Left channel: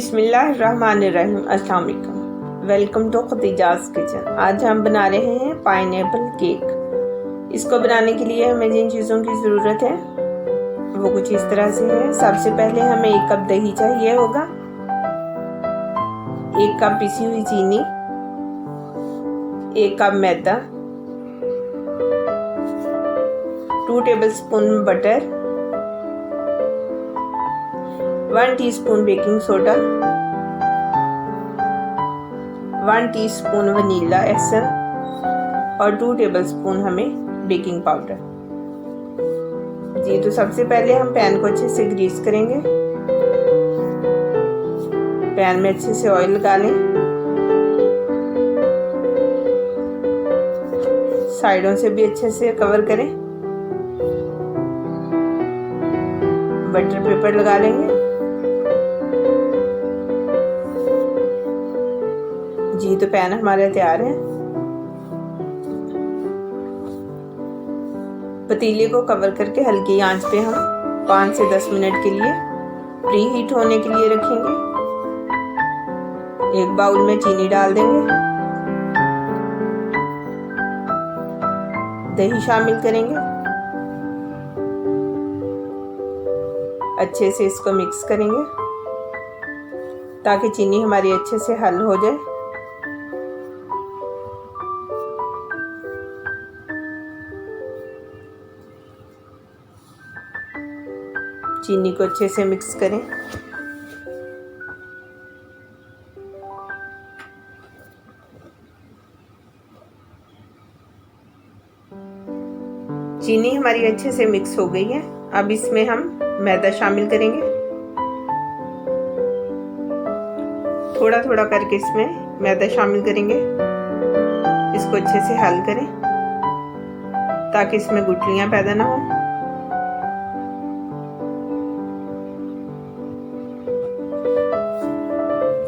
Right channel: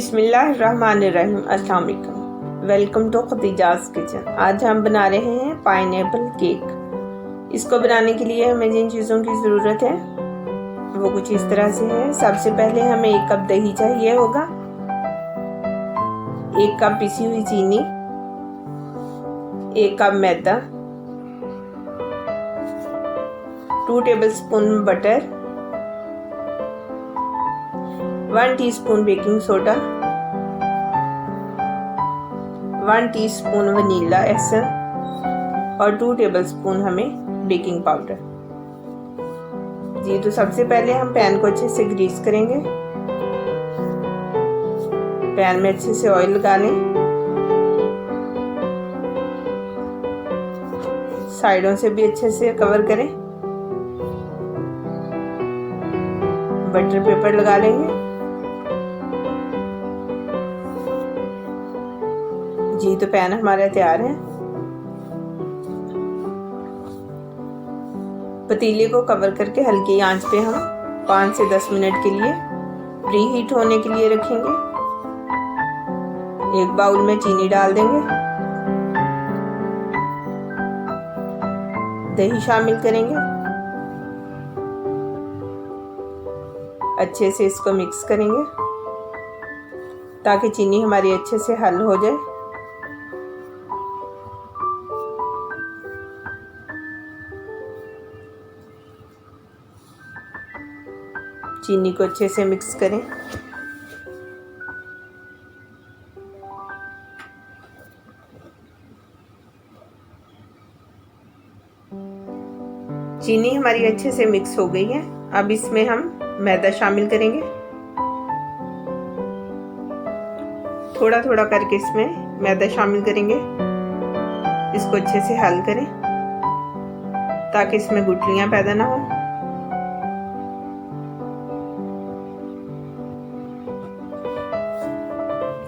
बिस्मिल्लाहिर्रहमानिर्रहीम। अस्सलाम वालेकुम। Welcome to Khadija's kitchen. आज हम बना रहे हैं पाइनएप्पल केक। इसको बनाने के लिए हमें जिन चीज़ों की ज़रूरत है वो कुछ इस तरह से है। सबसे पहले हमें 1 कप दही चाहिए होगा, 1 कप पिसी हुई चीनी, 1 कप मैदा, 2 tablespoon butter, 1 teaspoon baking soda, 1 teaspoon vanilla essence और 2 टेबलस्पून हमें बेकिंग पाउडर। जी, तो सबसे पहले हम पैन को अच्छे से ग्रीस करेंगे। पैन में अच्छे से ऑयल लगा लें, साइडों से भी अच्छे से कवर करें। बटर पेपर लगा लेंगे। जी, तो पैन हमारा तैयार है। पतीले को कवर करके हल्की आंच पे हम 5 से 10 मिनट के लिए प्री हीट होने के लिए रखेंगे। एक बाउल में चीनी डाल देंगे, दही शामिल करेंगे, अच्छे से इसको मिक्स करेंगे ताकि चीनी हमारी अच्छे से हल हो जाए। चीनी को अच्छे से मिक्स करें। चीनी हमारी अच्छे से मिक्स हो गई है। अब इसमें हम मैदा शामिल करेंगे। थोड़ा थोड़ा करके इसमें मैदा शामिल करेंगे। इसको अच्छे से हल करें ताकि इसमें गुठलियां पैदा ना हो।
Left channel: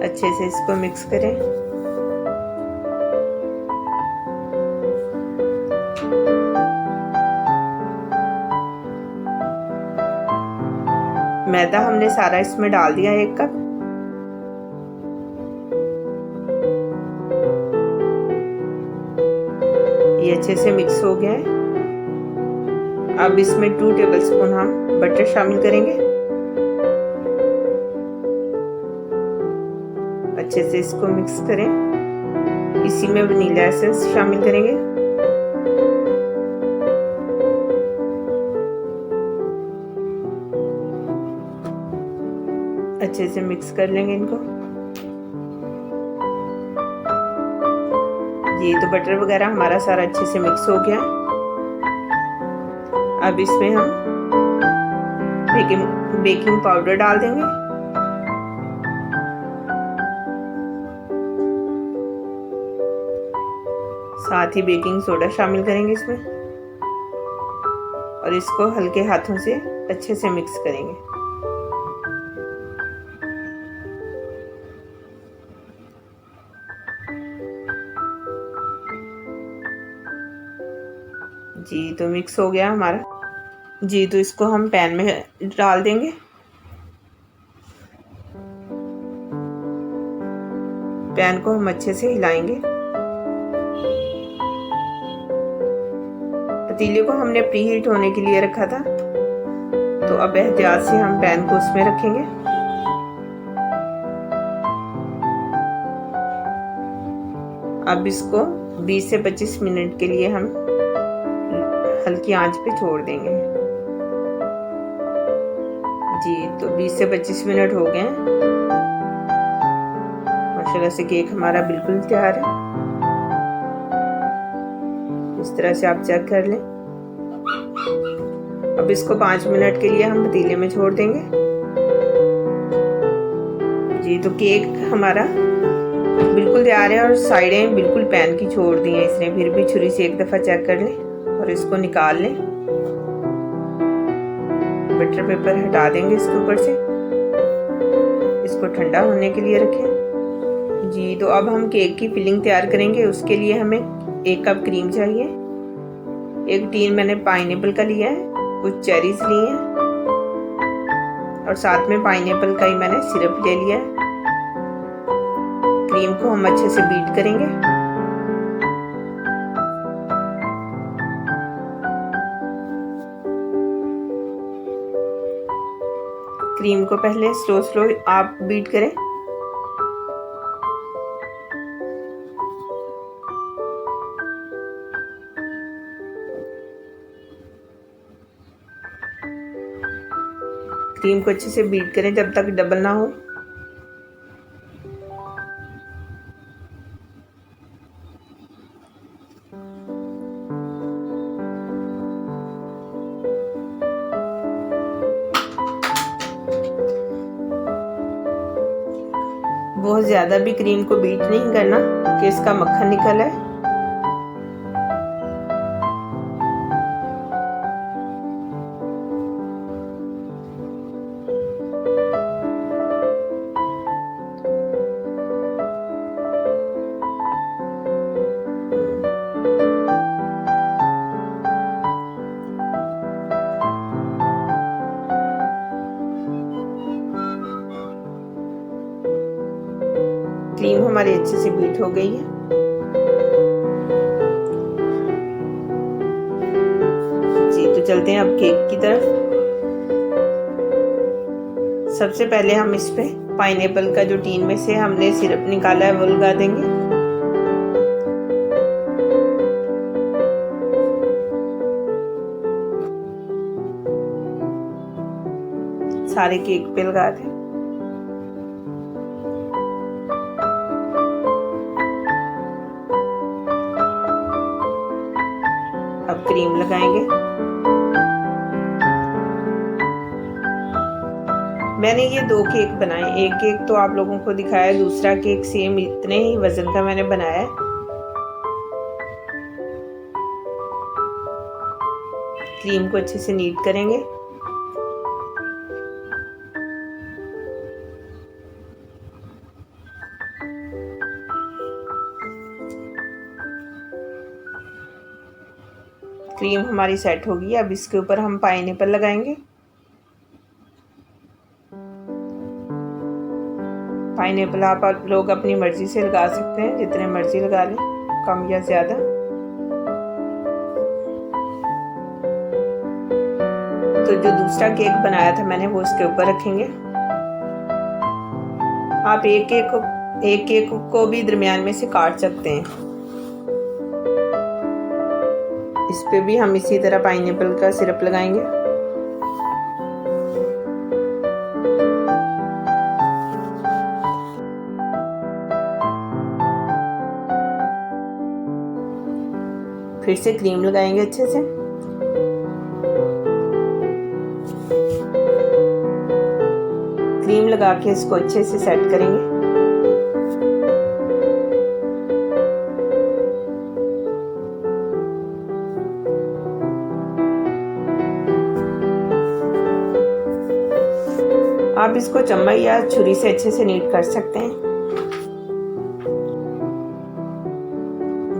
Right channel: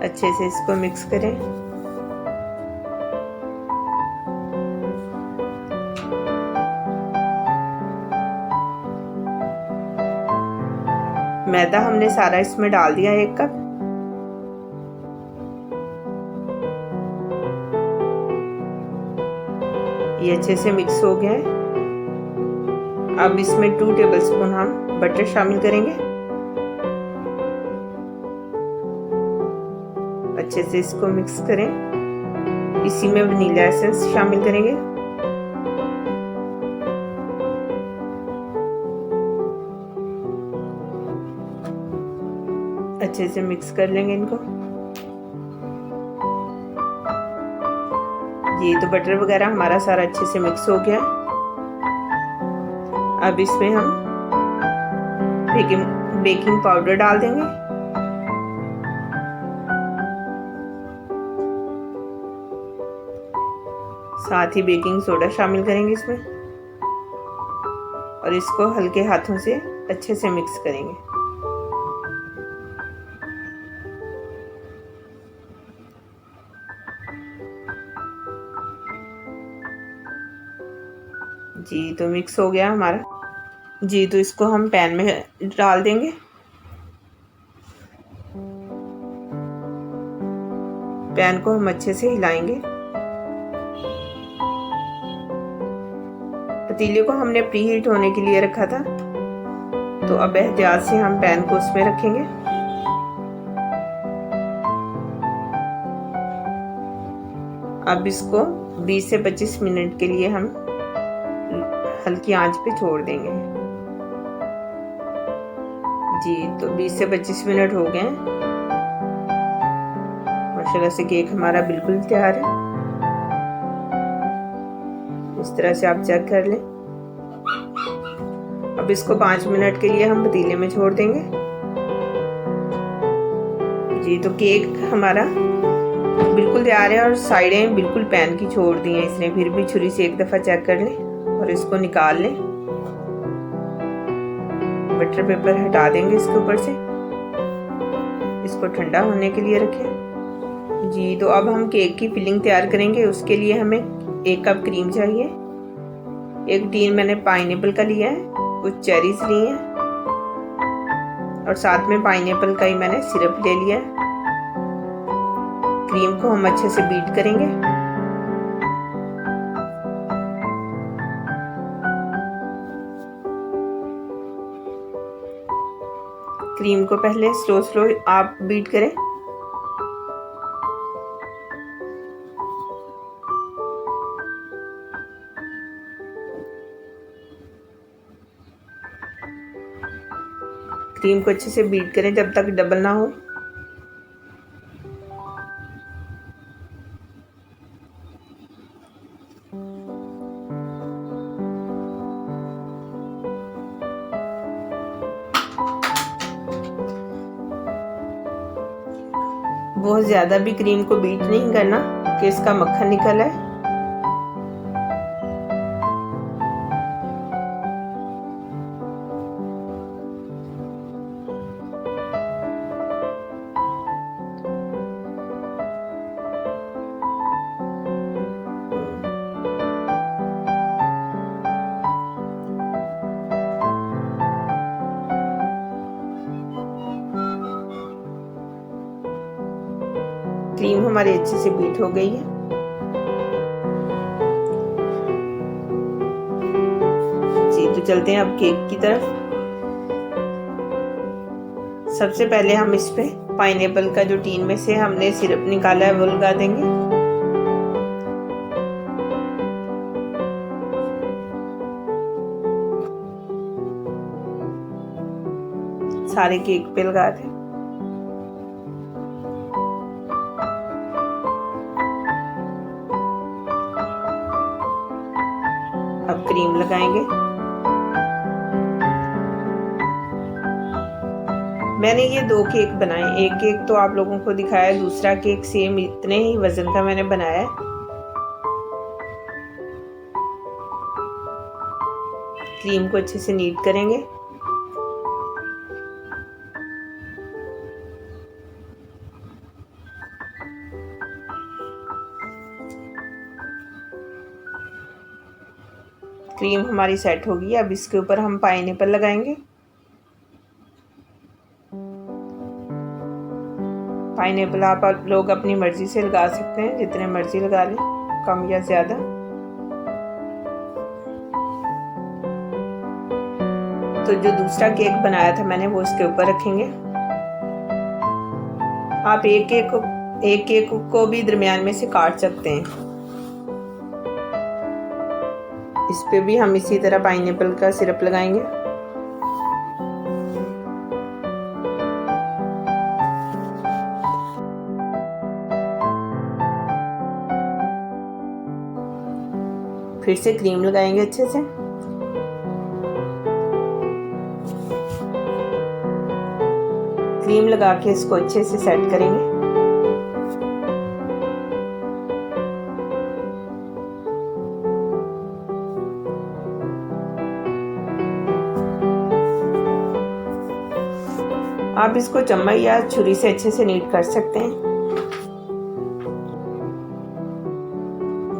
अच्छे से इसको मिक्स करें। मैदा हमने सारा इसमें डाल दिया 1 कप। ये अच्छे से मिक्स हो गया है। अब इसमें 2 टेबलस्पून हम बटर शामिल करेंगे। अच्छे से इसको मिक्स करें। इसी में वनीला एसेंस शामिल करेंगे। अच्छे से मिक्स कर लेंगे इनको। ये तो बटर वगैरह हमारा सारा अच्छे से मिक्स हो गया। अब इसमें हम बेकिंग पाउडर डाल देंगे। साथ ही बेकिंग सोडा शामिल करेंगे इसमें और इसको हल्के हाथों से अच्छे से मिक्स करेंगे। जी, तो मिक्स हो गया हमारा। जी, तो इसको हम पैन में डाल देंगे। पैन को हम अच्छे से हिलाएंगे। पतीले को हमने प्री हीट होने के लिए रखा था, तो अब एहतियात से हम पैन को उसमें रखेंगे। अब इसको 20 से 25 मिनट के लिए हम हल्की आंच पे छोड़ देंगे। जी, तो 20 से 25 मिनट हो गए हैं। माशाल्लाह से केक हमारा बिल्कुल तैयार है। इस तरह से आप चेक कर लें। अब इसको 5 मिनट के लिए हम पतीले में छोड़ देंगे। जी, तो केक हमारा बिल्कुल तैयार है और साइडें बिल्कुल पैन की छोड़ दी हैं इसने। फिर भी छुरी से एक दफ़ा चेक कर लें और इसको निकाल लें। बटर पेपर हटा देंगे इसके ऊपर से। इसको ठंडा होने के लिए रखें। जी, तो अब हम केक की फिलिंग तैयार करेंगे। उसके लिए हमें 1 कप क्रीम चाहिए। 1 टीन मैंने पाइनएप्पल का लिया है, कुछ चेरीज लिए हैं और साथ में पाइनएप्पल का ही मैंने सिरप ले लिया है। क्रीम को हम अच्छे से बीट करेंगे। क्रीम को पहले स्लो आप बीट करें। क्रीम को अच्छे से बीट करें जब तक डबल ना हो। बहुत ज़्यादा भी क्रीम को बीट नहीं करना कि इसका मक्खन निकल आए। क्रीम हमारी अच्छे से बीट हो गई है। जी तो चलते हैं अब केक की तरफ। सबसे पहले हम इस पे पाइनएप्पल का जो टीन में से हमने सिरप निकाला है वो लगा देंगे। सारे केक पे लगा दें। अब क्रीम लगाएंगे। मैंने ये 2 केक बनाए, एक केक तो आप लोगों को दिखाया, दूसरा केक सेम इतने ही वजन का मैंने बनाया है। क्रीम को अच्छे से नीट करेंगे। क्रीम हमारी सेट होगी। अब इसके ऊपर हम पाइनएप्पल लगाएंगे। पाइनएप्पल आप लोग अपनी मर्जी से लगा सकते हैं, जितने मर्जी लगा लें, कम या ज़्यादा। तो जो दूसरा केक बनाया था मैंने वो इसके ऊपर रखेंगे। आप एक केक को भी दरमियान में से काट सकते हैं। इस पे भी हम इसी तरह पाइनएप्पल का सिरप लगाएंगे। फिर से क्रीम लगाएंगे अच्छे से। क्रीम लगा के इसको अच्छे से सेट करेंगे। आप इसको चम्मच या छुरी से अच्छे से नीट कर सकते हैं।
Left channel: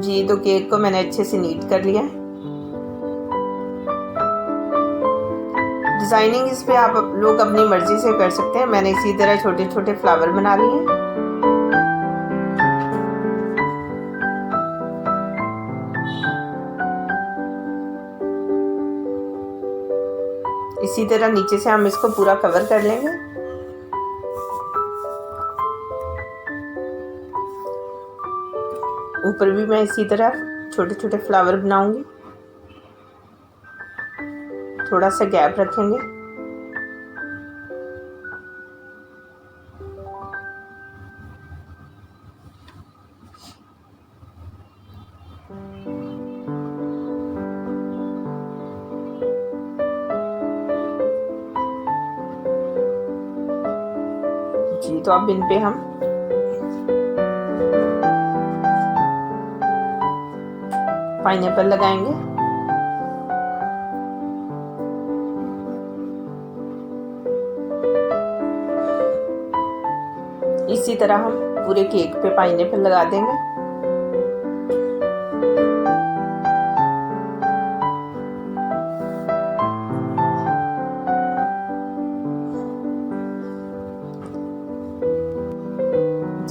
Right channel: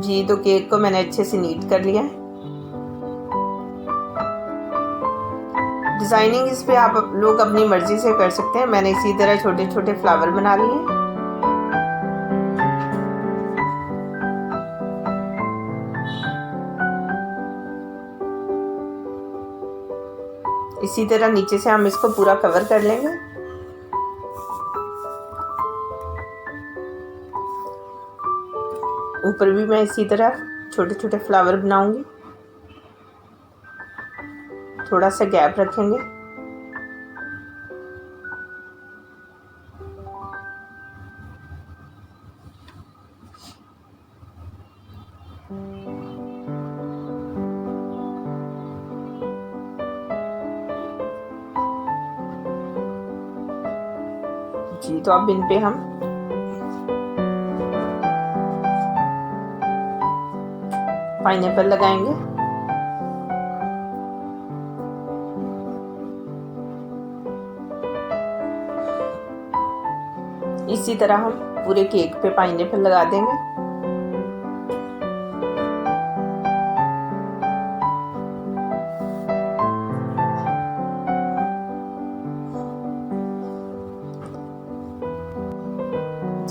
जी तो केक को मैंने अच्छे से नीट कर लिया है। डिजाइनिंग इस पे आप लोग अपनी मर्जी से कर सकते हैं। मैंने इसी तरह छोटे छोटे फ्लावर बना लिए हैं। इसी तरह नीचे से हम इसको पूरा कवर कर लेंगे। ऊपर भी मैं इसी तरह छोटे छोटे फ्लावर बनाऊंगी। थोड़ा सा गैप रखेंगे। जी तो अब इन पे हम पाइनएप्पल लगाएंगे। इसी तरह हम पूरे केक पे पाइनएप्पल लगा देंगे।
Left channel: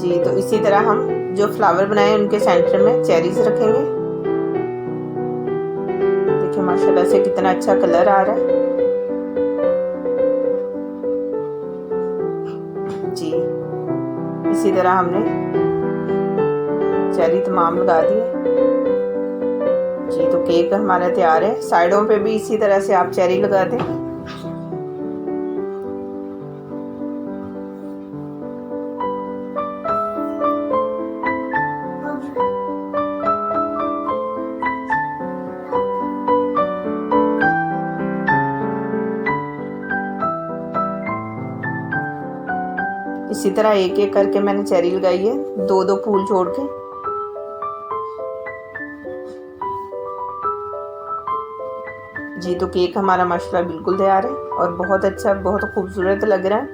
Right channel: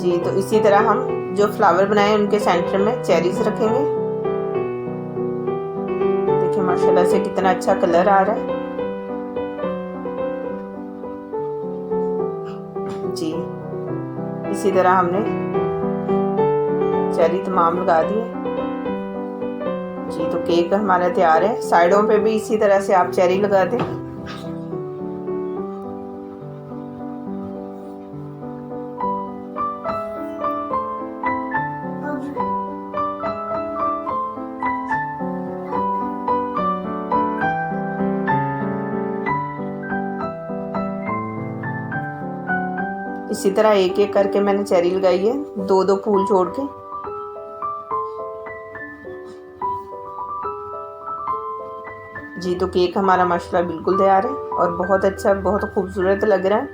जी तो इसी तरह हम जो फ्लावर बनाए हैं उनके सेंटर में चेरीज रखेंगे। देखिए माशाल्लाह से कितना अच्छा कलर आ रहा है। जी इसी तरह हमने चेरी तमाम लगा दिए। जी तो केक हमारा तैयार है। साइडों पे भी इसी तरह से आप चेरी लगा दें। इसी तरह एक एक करके मैंने चेरी लगाई है, दो दो फूल छोड़ के। जी तो केक हमारा माशाल्लाह बिल्कुल तैयार है और बहुत अच्छा, बहुत खूबसूरत लग रहा है।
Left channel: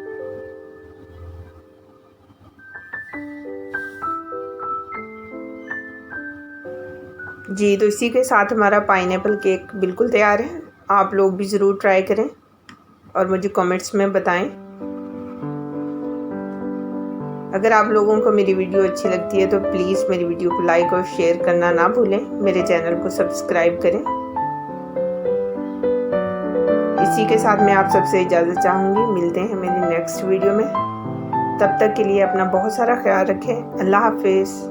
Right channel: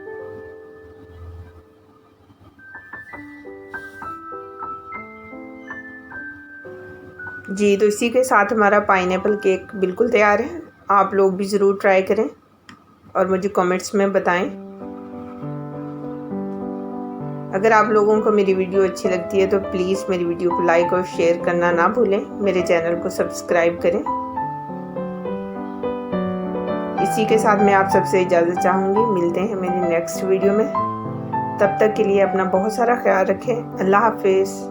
जी तो इसी के साथ हमारा पाइनएप्पल केक बिल्कुल तैयार है। आप लोग भी ज़रूर ट्राई करें और मुझे कमेंट्स में बताएं। अगर आप लोगों को मेरी वीडियो अच्छी लगती है तो प्लीज़ मेरी वीडियो को लाइक और शेयर करना ना भूलें। मेरे चैनल को सब्सक्राइब करें। इसी के साथ मैं आप सबसे इजाज़त चाहूँगी। मिलते हैं मेरी नेक्स्ट वीडियो में। तब तक के लिए अपना बहुत सारा ख्याल रखें। अल्लाह हाफिज़।